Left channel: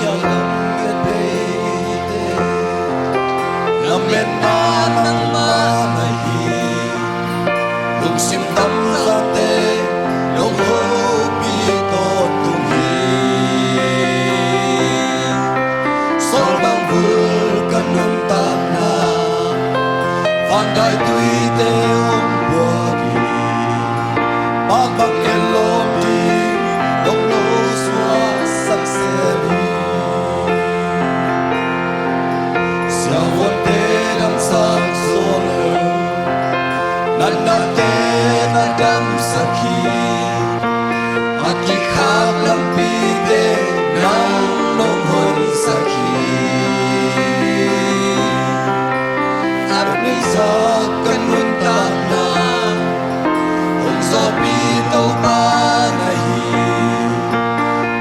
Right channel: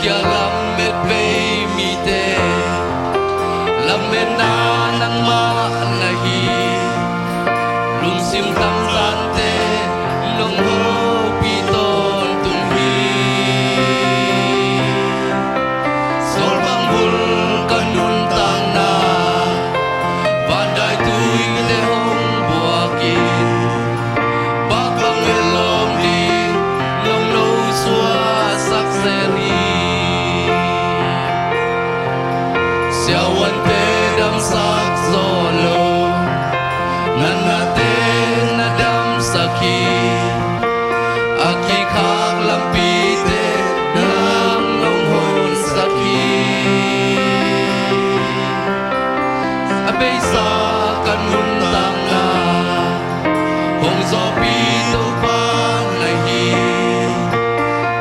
kia lam met pe mi te lam met na nang ma la hi lung sim tam la te lung ho pi ton tung hi sol bang bul kanun tang na van dai tui te hong bua ki bak bang el lom di long no swa sak seri sia wan te dam sak zo lo nan na te na dam saki aki khak lam pi te nang nong hon saki ape sa kanun tang na hong zo pi tau pa na hi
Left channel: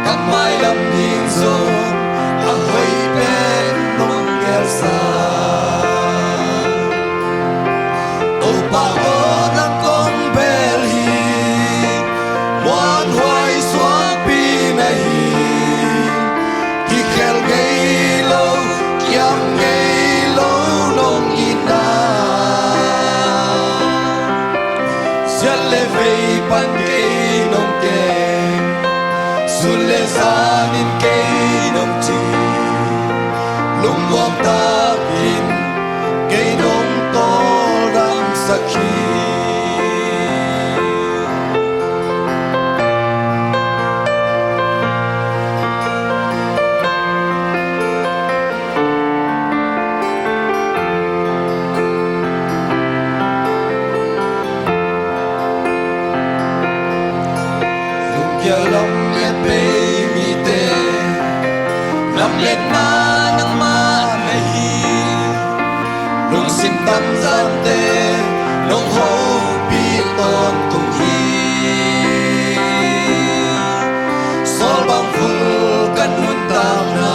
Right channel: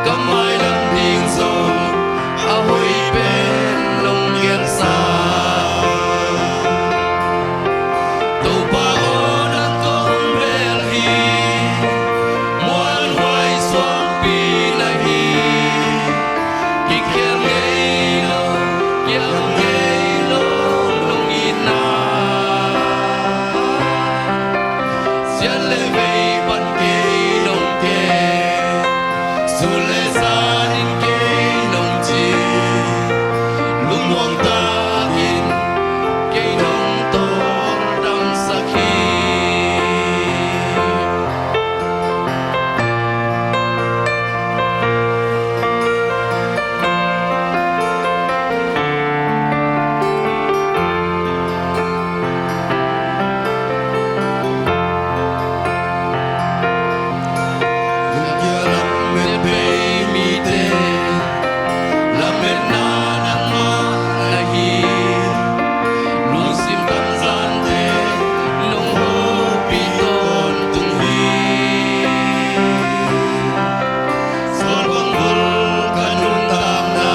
kamai lam ding zo a hoi pen nong ger sa tu pa on ang kong bel hi muan hoai suang pi na hi ki khel ngei lo kiam ngei lo nong ina sian le vei pan ke nong ke sule san in ke nong chi lung muang ta in ke nong to ram sakhi lung kia lam met pe mi te lam met na nang ma la hi lung sim tam gian te lung ho pi ton tung hi sol bang vul kanun tam na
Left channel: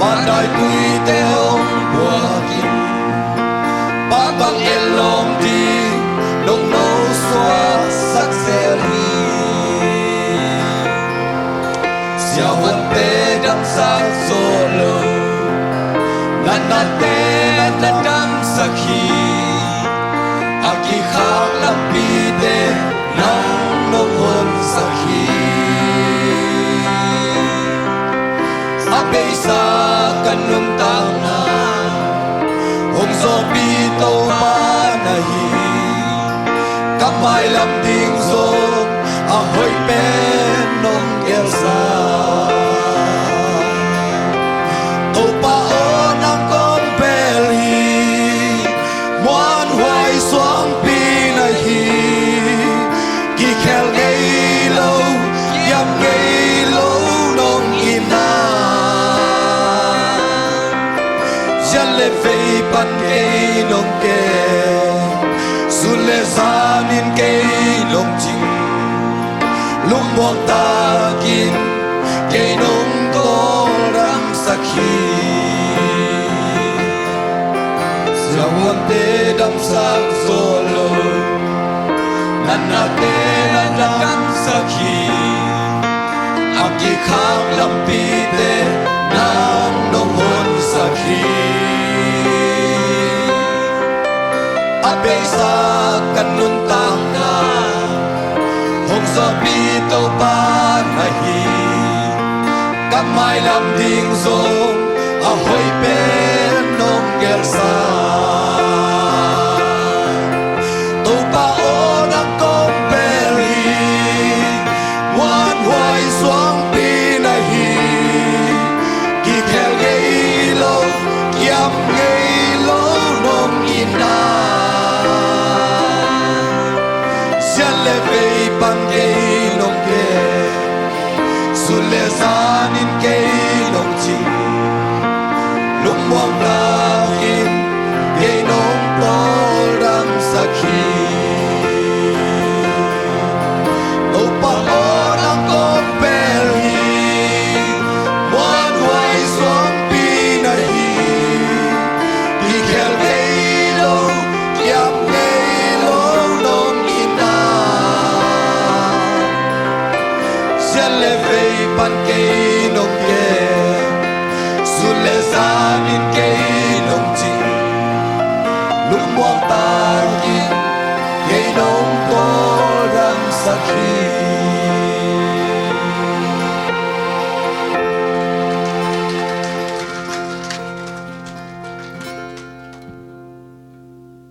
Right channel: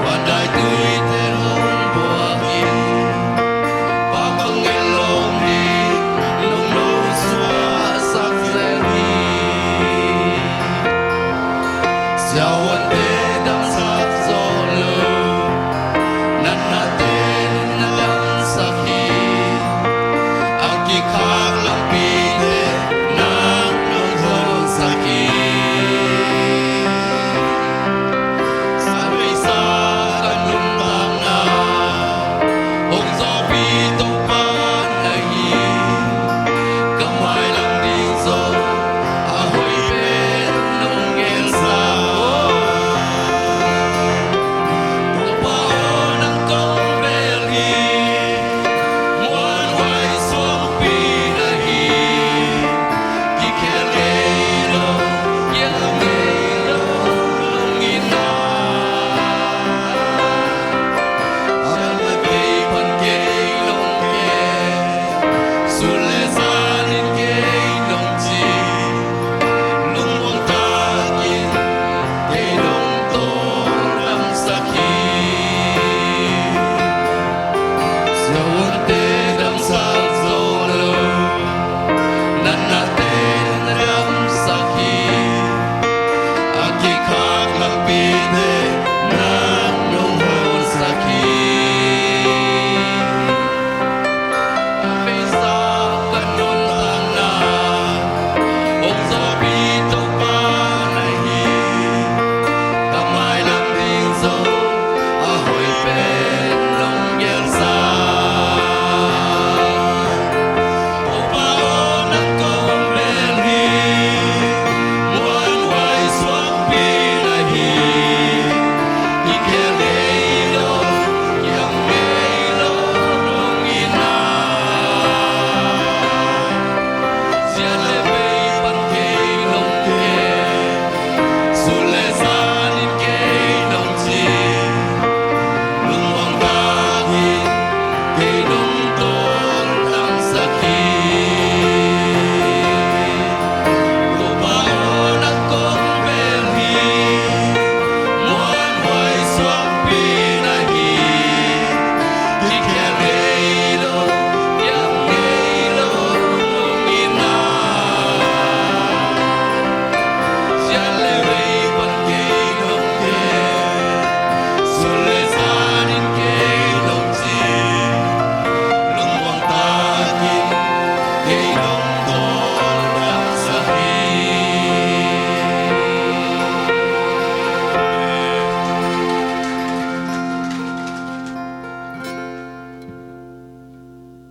van dai tui te hong bua ki ba bang el lom di lung no swa sak sel hi sia wan te dam sak zo lo nan na te na dam sakhi aki khak lam pi te nang nong hon sakhi ape sa kanun tang na ong zo pi to pa na hi kamai lam ding zo a hoi pen nong ger sa to pa on ang kong bel hi muan hoai suang pi na hi ki khel ngei lo yam ngei lo nong ina sian le vei pan ke long ke sule san in ke long chi lung muang ta kin ke nong to ram sakhi sia wan te dam sak zo lo nan na te na dam sakhi aki khak lam pi te nang nong hon sakhi ape sa kanun tang na ong zo pi tau pa na hi kamai lam ding zo a hoi pen nong ger sa tu pa on ang kong bel hi muan hoai suang pi na hi ki khel ngei lo kiam ngei lo nong ina sian le vei pan ke long ke sule san in ke long chi lung muang ta hin ke nong to ram sakhi to pa on ang kong bel hi muan hoai suang pi na hi ki khel ngei lo kiam ngei lo nong ina le vei pan kei nong ke sun le san in kei nong chi lung mo ta kin kei nong